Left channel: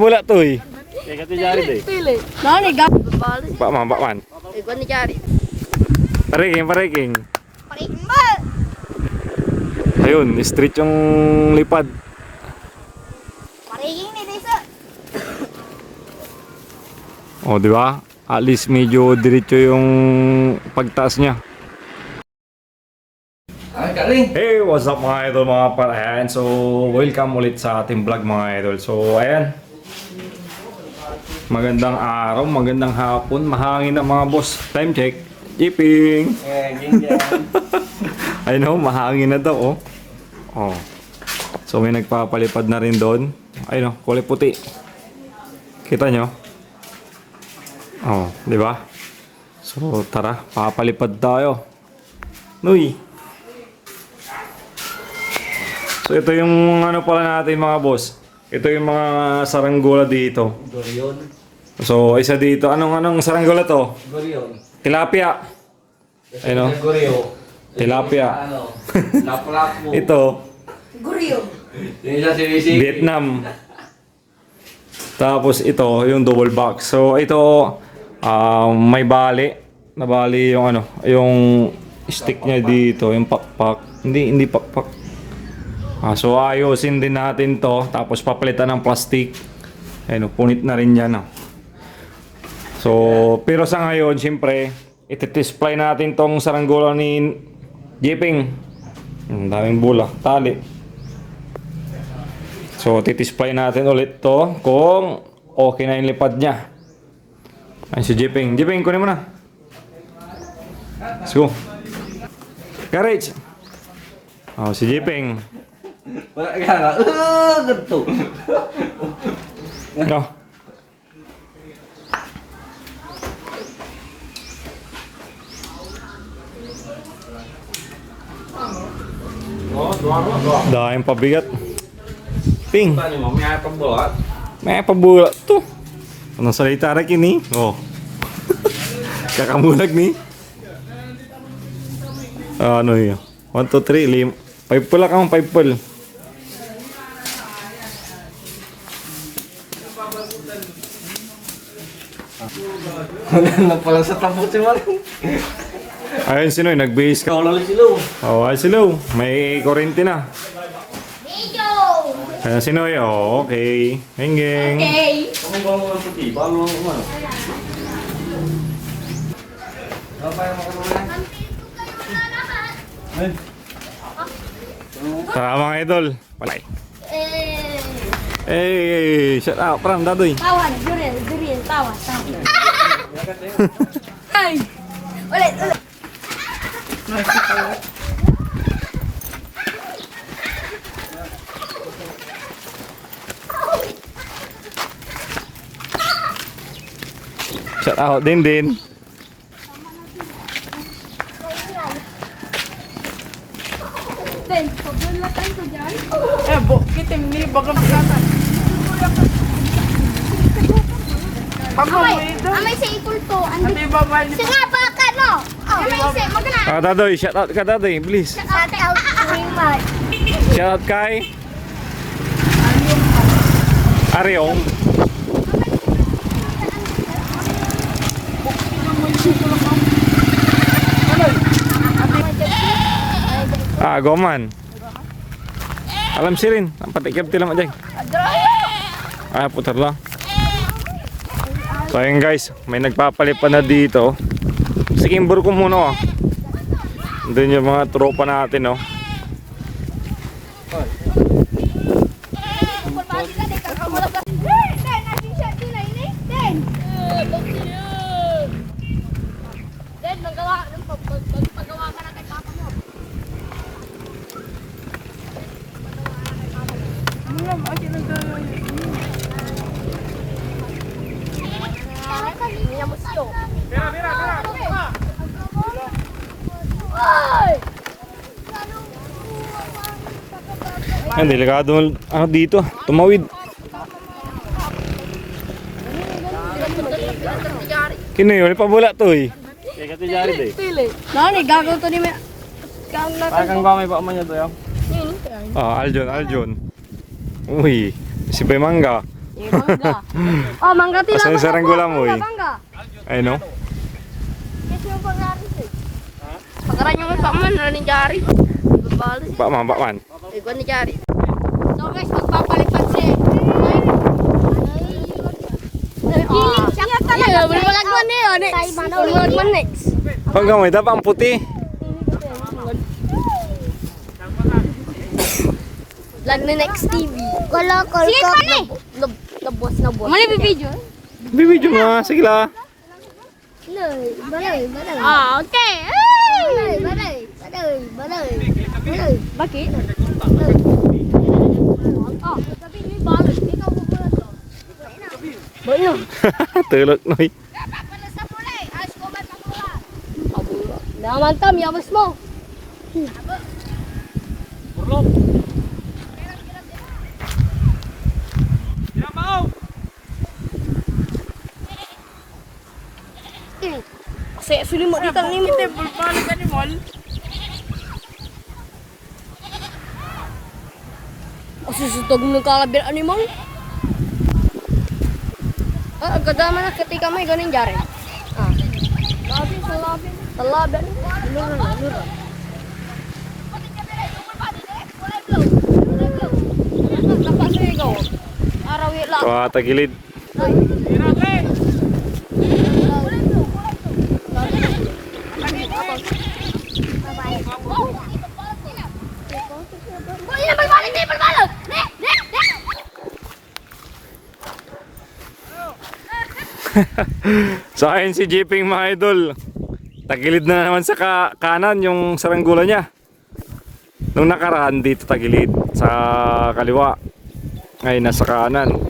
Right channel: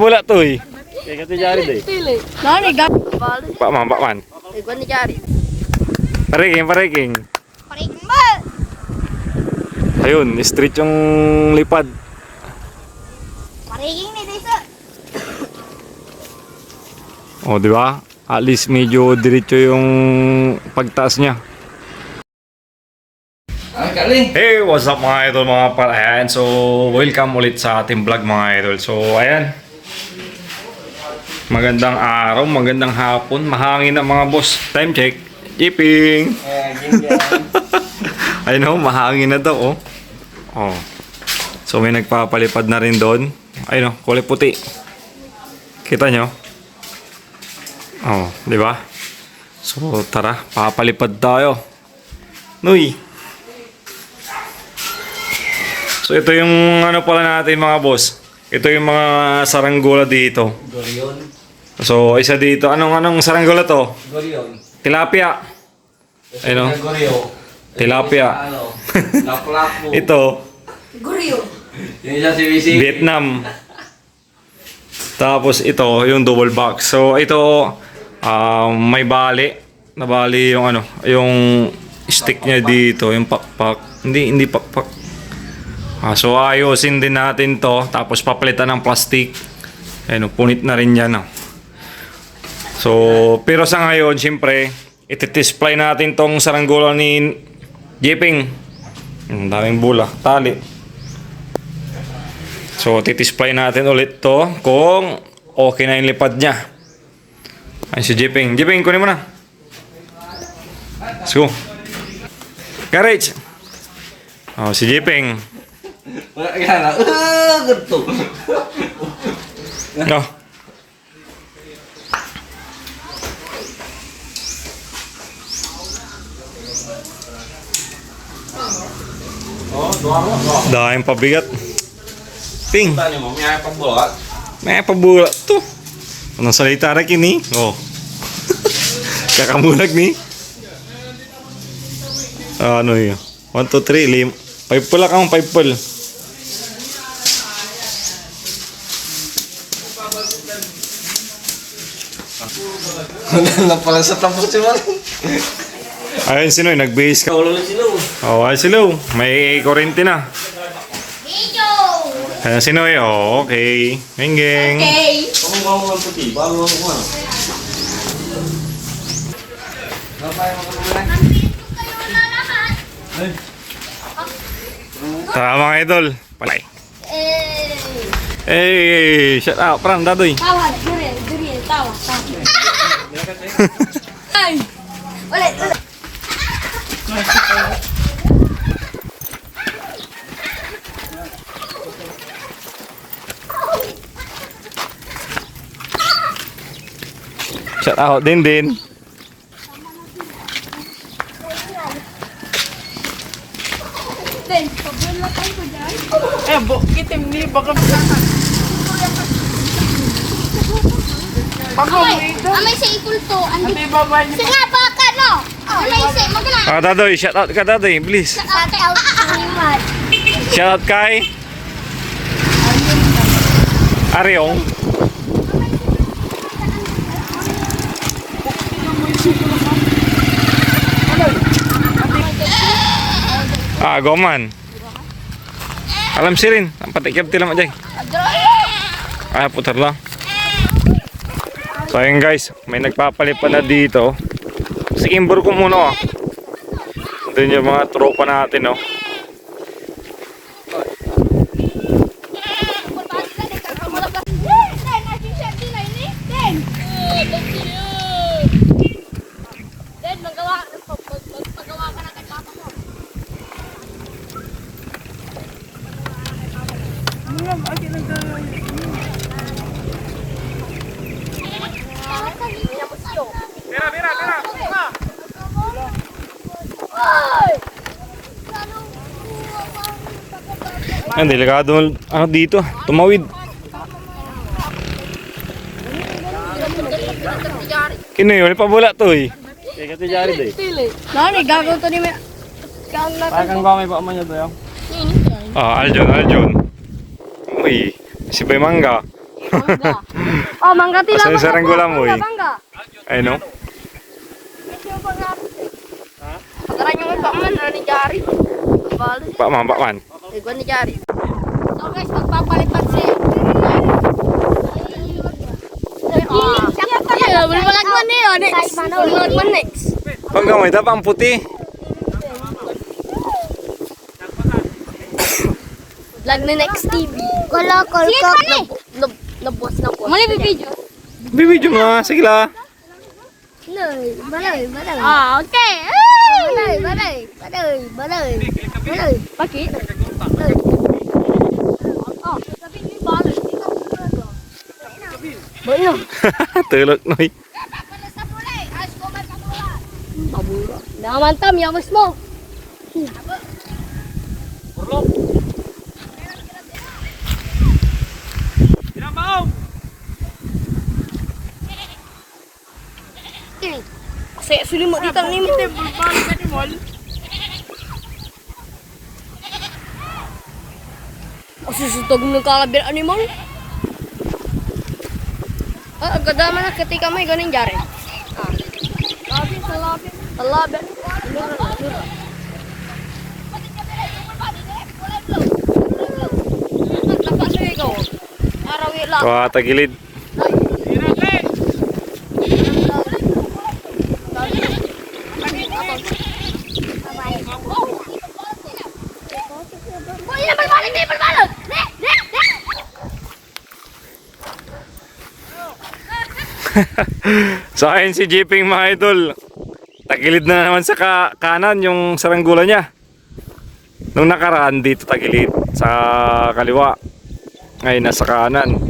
Bola to eh. Kaya kati jari deh. Pak man. Pareking. Ayun, street yung lipad. Oh, di ba? At least medyo diretso yung pagtaas niya. Hey, what's up mga idol, mga par. Ayan, so welcome ulit sa ating vlog mga idol. So ayan, magandang araw, magandang hapon, mahangin na mga boss. Time check, Jiping. Ayun o, mahangin na daw oh. Oh. So may nagpapalipad na rin doon. Ayun o, kulay puti. Kita nyo? Oh, di ba? So tara, papalipad tayo. Nuy. So ito yung ano pala natin mga boss. Ito yung mga saranggola dito. Gorion. So isa dito. Anong saranggola to? Gorion. Tilapia. Ayun o. Gorio. Tilapia. Lapu-lapu. Ito. Guriyo. Yung isa si Wisi. Vietnam. Tapos ito yung double box. So ito may bali. Nabali yung ano, yung stick niya dito, yung pakpak. Hindi pakpak. So ayusin din natin to, tapos papalitan ng plastic. Ayun, punit na rin yan. So, pero sa ngayon, siyempre, iti-display natin tong saranggola ni Jiping. Daming bula, tali. So, titisplay natin ulit to kung okay na yung lipad niya. Ayun si Jiping. Jiping, kunin mo na. Let's go. Garage. Oh, si Jiping. Wala ka na. Ganito. No. Dahil pabigat. Ping. May pabulat to. Anong salita rin kini? Oh. Kakamulag ni. Ano yun? 1, 2, 3, 5 pula kang 5 pul. Wala na pala sa tapos si Mal. Ayun sino, nag-base ka. Kaulo na sila. Oh, ay sila. May kurente na. Ayun sino eh. Oh, okay. Geng. Okay. Kung bago ang puti, bago ang ano. Babay mo ka Tara mga idol. Palay. Hey, shut up. Pram, dadoy. Tawad, Juriel, tawad. Ay! Ulit. Shut out din. Den, pagulatan ko dyan. Kitim ni baga masata. Amay sa ipulto. Andi babay ni Sige, baka no. Amay sa, magna. Dadoy, shout out ka dadoy, please. Shout out Rimad. Shout out kay Aryong. Goman. Alam si rin. Ang patikip tila mo dyan. Putar lang. So ayun guys, may nagpapalipad na dito. Sikimbor ko muna doon yung mga tropa natin Paggawa ka na kay papa mo. Yan, delikado dito, tumawid. Kino yun, pabula to eh. Kaya kati jari deh. Tili. Nani, gagawin to ni me. Kang natin. Akan ba may pa man to yung? Aljon. Uy, si Bay Mangga. Mangga. Oh, mangga tila. Asan yung saranggola mo, eh? Mangga. Ay no? Pagkaran yung pa man ni Jari. Bali. Pak man. Ikaw ni Jari. So guys, magpapalit kasi. Feeling siya talaga. Bulmalagman niyo. Next. Bulmalagman next. Pag gamay, tapang puti. Vlog ni Next TV. Wala ko. Sige pa ni. Nabos. Mali video. Bibidyo mo nga, sige la. Balay. Ah, okay. Balay. Bakit? Oh, sabi ni balay. Balay. Tulog noy. Namantam, yawas mo. Kasi sulit mo dito ni mo. O susutog ng kalabir animal. Ah, agadaman na ketika may ganing jari. Talabi. Araw lang. Wah, tagilid. Sa akin si Jeeping mga idol. Tagilid na naman sa kanan yung saranggula niya. Nung nakaraan dito tagilid sa kaliwa. Ngayon nasa kanan.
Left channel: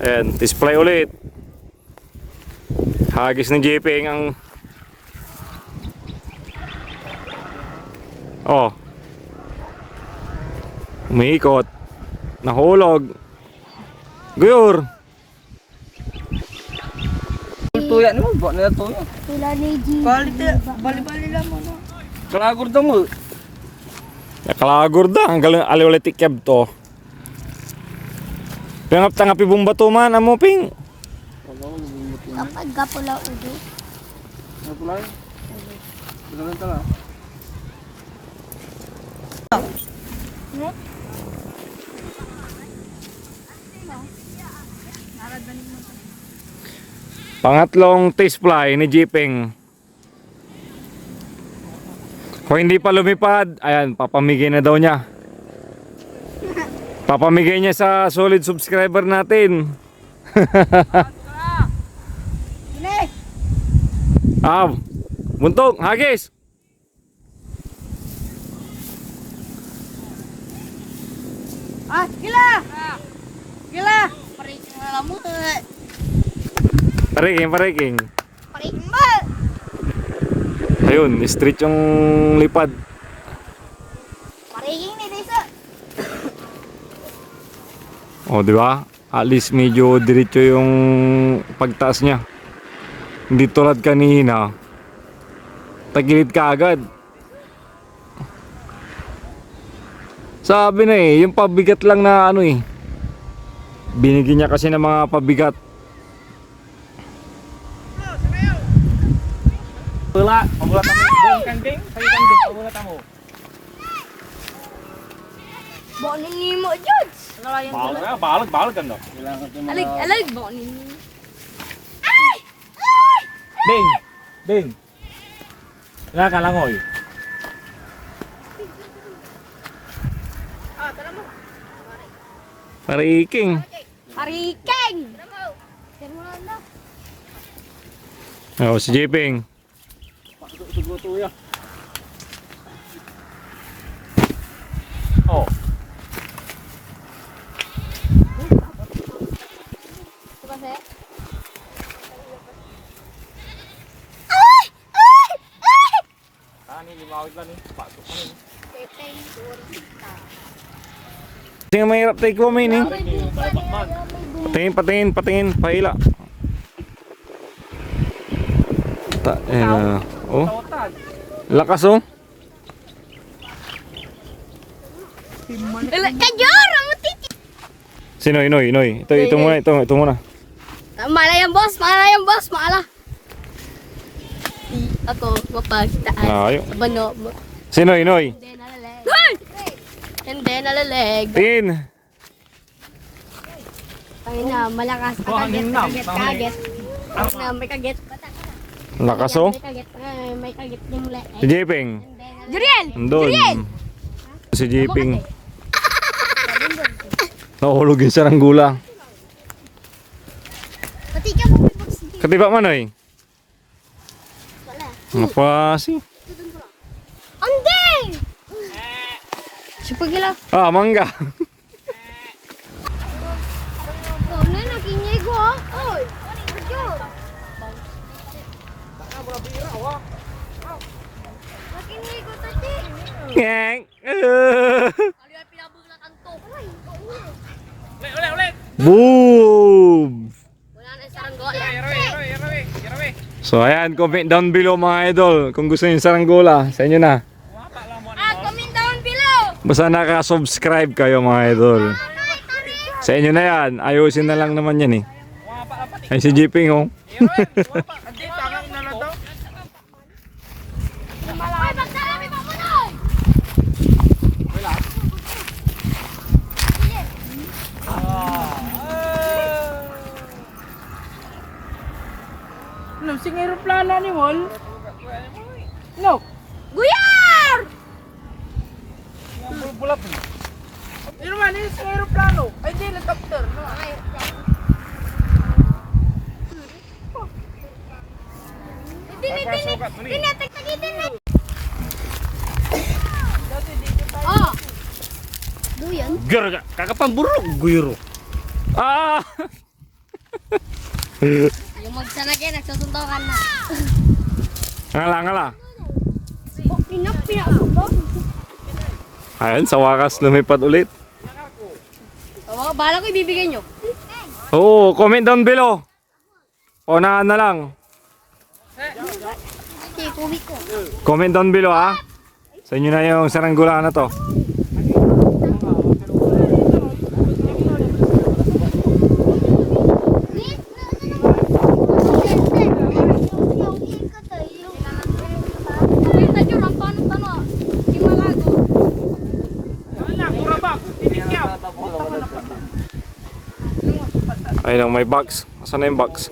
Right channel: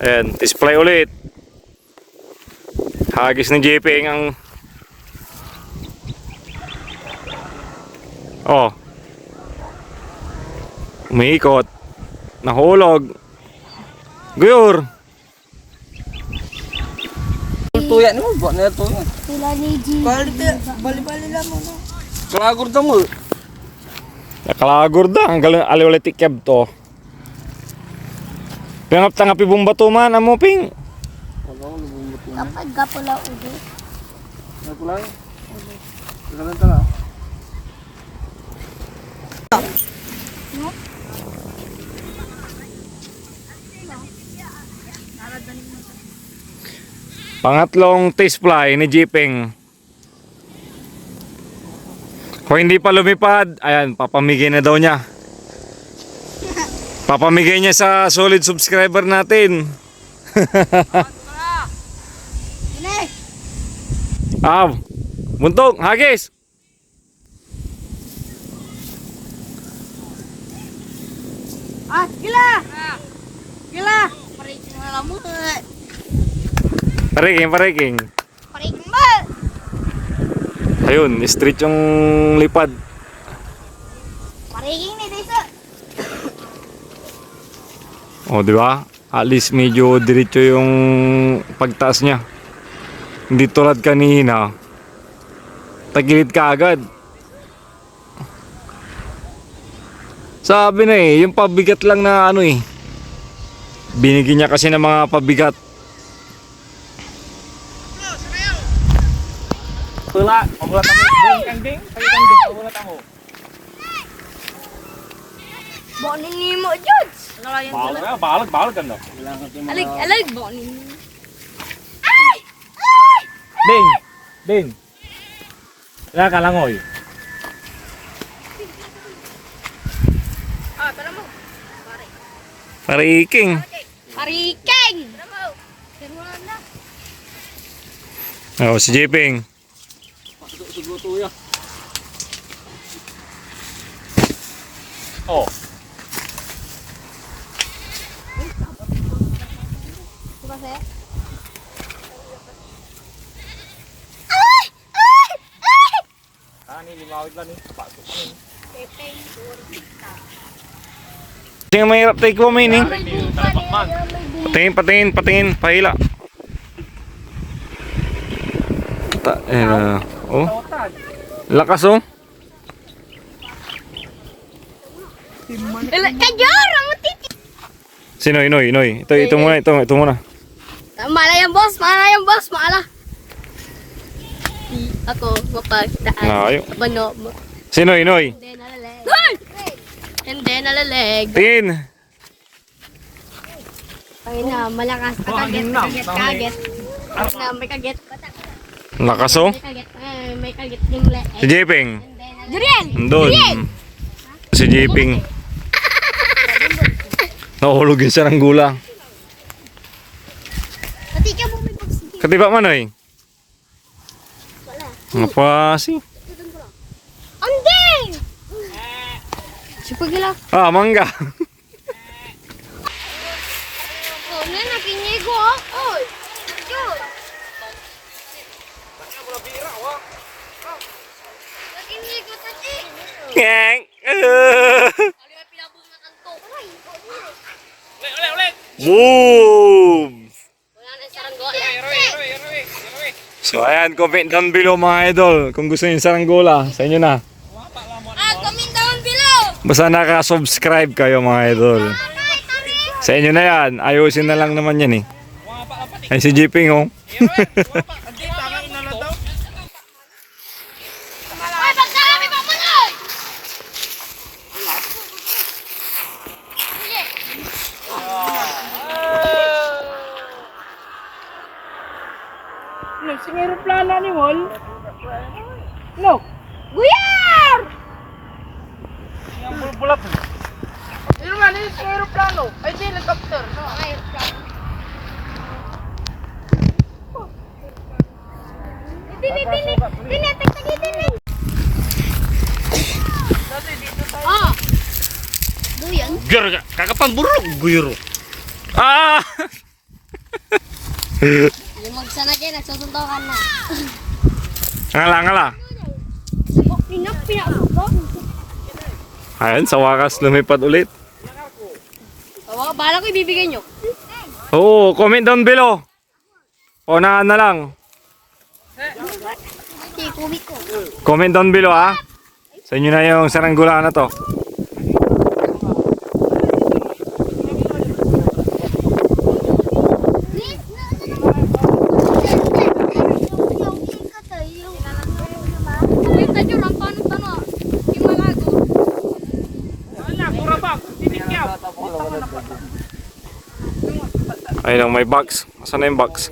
Ayan, display ulit. Hagis ni Jeeping ang oh. Umiikot. Nahulog. Guyur. Tuya ni mo, buat na tuya. Sila ni G. Bali lang mo no. Kalagur to mo. Nakalagor da. Ang galing aliwalitik keb to. Pingap tangapi bumbato man. Amo ping. Kapag gapula udo. Ano pula? Ano tala? Pangatlong taste fly ni Jeeping. Kung hindi pa lumipad, ayan, papamigay na daw niya. Papamigay niya sa solid subscriber natin. Buntok, hagis. Ah, gila. Pariking na lang mo. Pariking. Pariking mo. Ayun, straight yung lipad. Pariking ni Disa. O, di ba? At least medyo diretso yung pagtaas niya. Hindi tulad kanina. Tagilid ka agad. Sabi na yung pabigat lang na ano binigyan niya kasi ng mga pabigat. Tula, mabulat mo. Buong kanding, kanding, mabulat mo. Bono ni mo, George. Balag kan no. Alig, bono ni mo. Ding. Ya kalangoy. Ah, tara mo. Pariking. Pariking! O, si Jeeping. Sugo tuya. Oh. Sige, mahirap tayo kumain Patingin, pahila. Oh. Lakas oh. Kajora mo titi. Sino, Inoy? Ito muna. Mala yan boss, mala. Ako, mapagtaan. Layo. Bano. Sino, Inoy? Hindi nalaleg. Tin! Ayun na, malakas. Kaget. Ayun na, may kaget. Lakas oh. May kaget yung leg. Si Jeping. Jurian! Andun. Si Jeping. Nahulog yung saranggula. Pati ka mo. Katiba man oy. Apa sih? Andeng! Sipagila. Ah, mangga. Ano na kinyigo? Oy. Kinyigo tati. Ngeng. Boom! Wala na saranggola. So ayan, comment down below mga idol kung gusto niyo yung saranggola. Sa inyo na. Comment down below. Basta naka-subscribe kayo mga idol. Sa inyo na yan. Ayusin na lang naman yan eh. Ay si Jiping oh. Ay, pagdami pa punoy. Nung sing aeroplano ni Mol. No. Guyar! Bulap. Pero man, yung sing aeroplano. Ay, di, helicopter. No. Ah. Buyan. Guyur ka. Kakapang buruk guyur. Ah! Yung magsanagay, nagsusuntokan na. Ngala. Pinasubok. Ayan, sa wakas lumipad ulit. Oo, bala ko ibibigay nyo. Oo, comment down below. Unahan na lang. Kubik ko. Comment down below ha. Sa inyo na yung saranggola na to. Ayun lang, may box. Asan na yung box?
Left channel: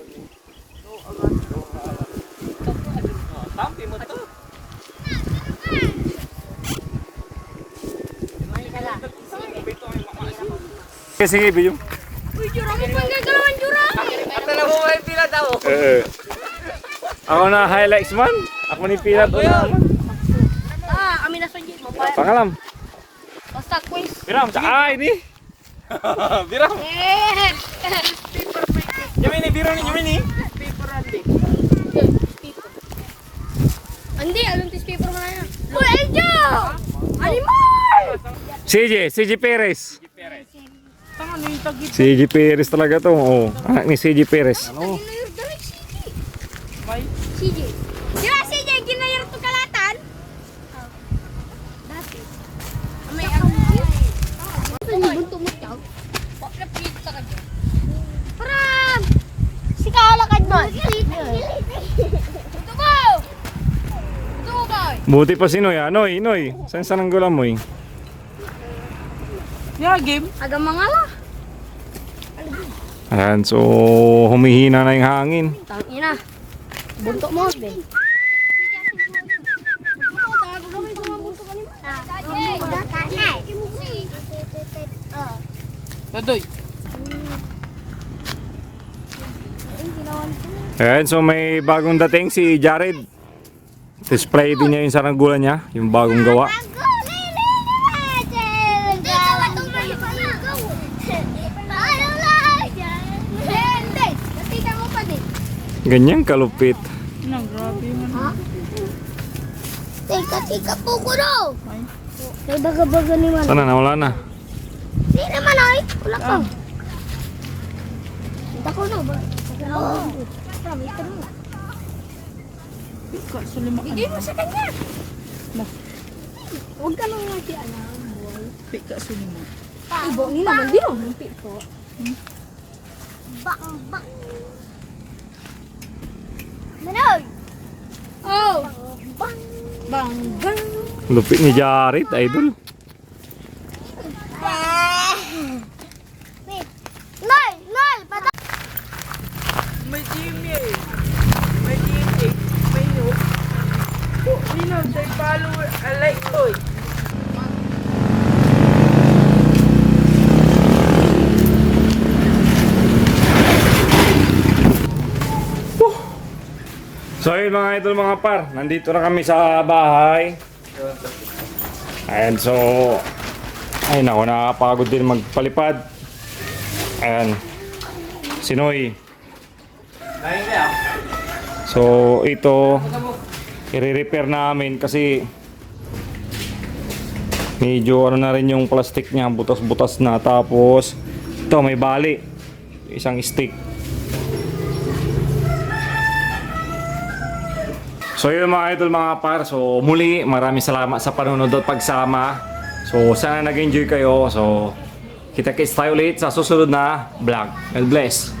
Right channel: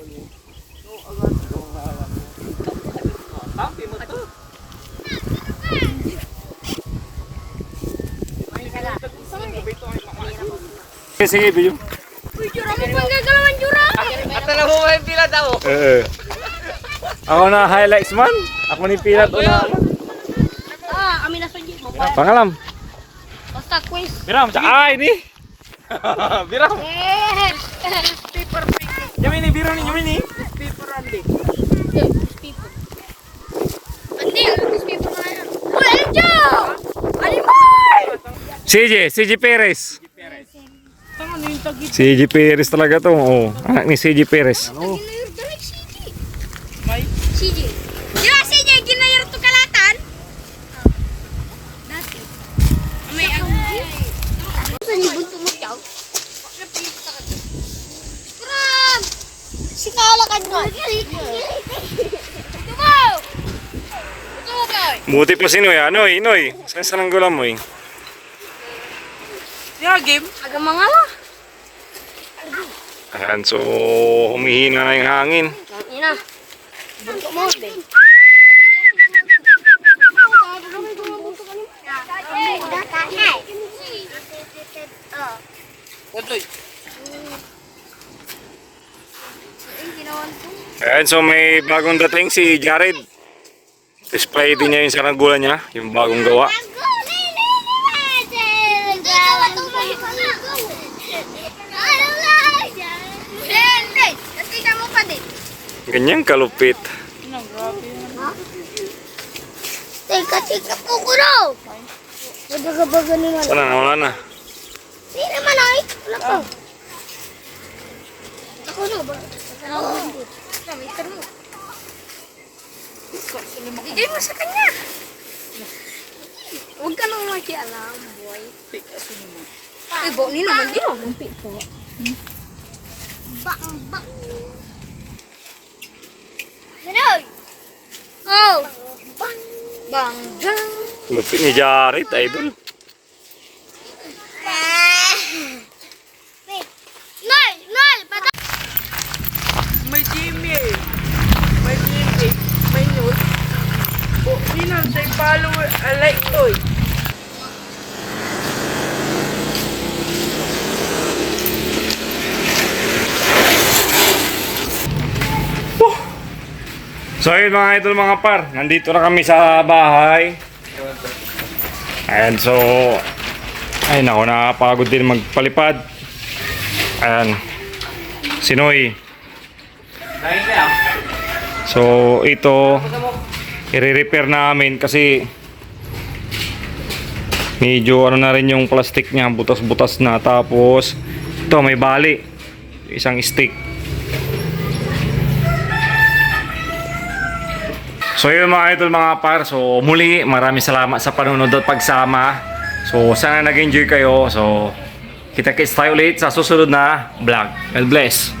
Sige, video. Uy, Jura, may panggagalawan, Jura! Ako na highlights man. Ako ni Pilat una. Kami na sa jeep. Pangalam. Basta quiz. Biram, ay ni. Biram. Yumini, Biram ni Yumini. Hindi, ano newspaper na yan? Uy, Angel! Animal! CJ Perez. CJ Perez talaga to. Oh, anak ni CJ Perez. CJ. Di ba CJ, ginayar to kalatan? Dati. May ano? Saan yung bunto mo siya? Parang! Si kalakad mo. Ito mo! Buti pa si Noy. Noy. Saan saranggola mo eh? Yeah, game. Aga mga la. Ayan, so humihina na yung hangin. Tangina. Bunto mo, Ben. Tadoy. Ayan, so may bagong dating si Jared. Display din niya yung saranggola niya, yung bagong gawa. Ganyan kalupit. Teka po ko raw. Baga-baga naman. Sana nawala na. Hindi naman ay. Wala ko. Ako na ba? Bigay mo sa kanya. Huwag ka nang makialam, boy. Ay, bo, ni naman, di naman po. Bang, bang. Manoy! Oh! Bang, bang, bang. Lupit ni Jared, idol. Noy! Noy! Patay! May Jimmy eh. May Jimmy. May news. Oh, sino sa follower? I like toy. So ayun mga idol, mga par, nandito na kami sa bahay. And so, ay nako, nakakapagod din magpalipad. Ayan, Sinoy. So ito, i-repair namin kasi medyo ano na rin yung plastic niya, butas-butas na. Tapos ito may bali, isang stick. So yun mga idol, mga par, so muli maraming salamat sa panunod at pagsama. So sana nag-enjoy kayo. So kita-kits tayo ulit sa susunod na vlog. God bless.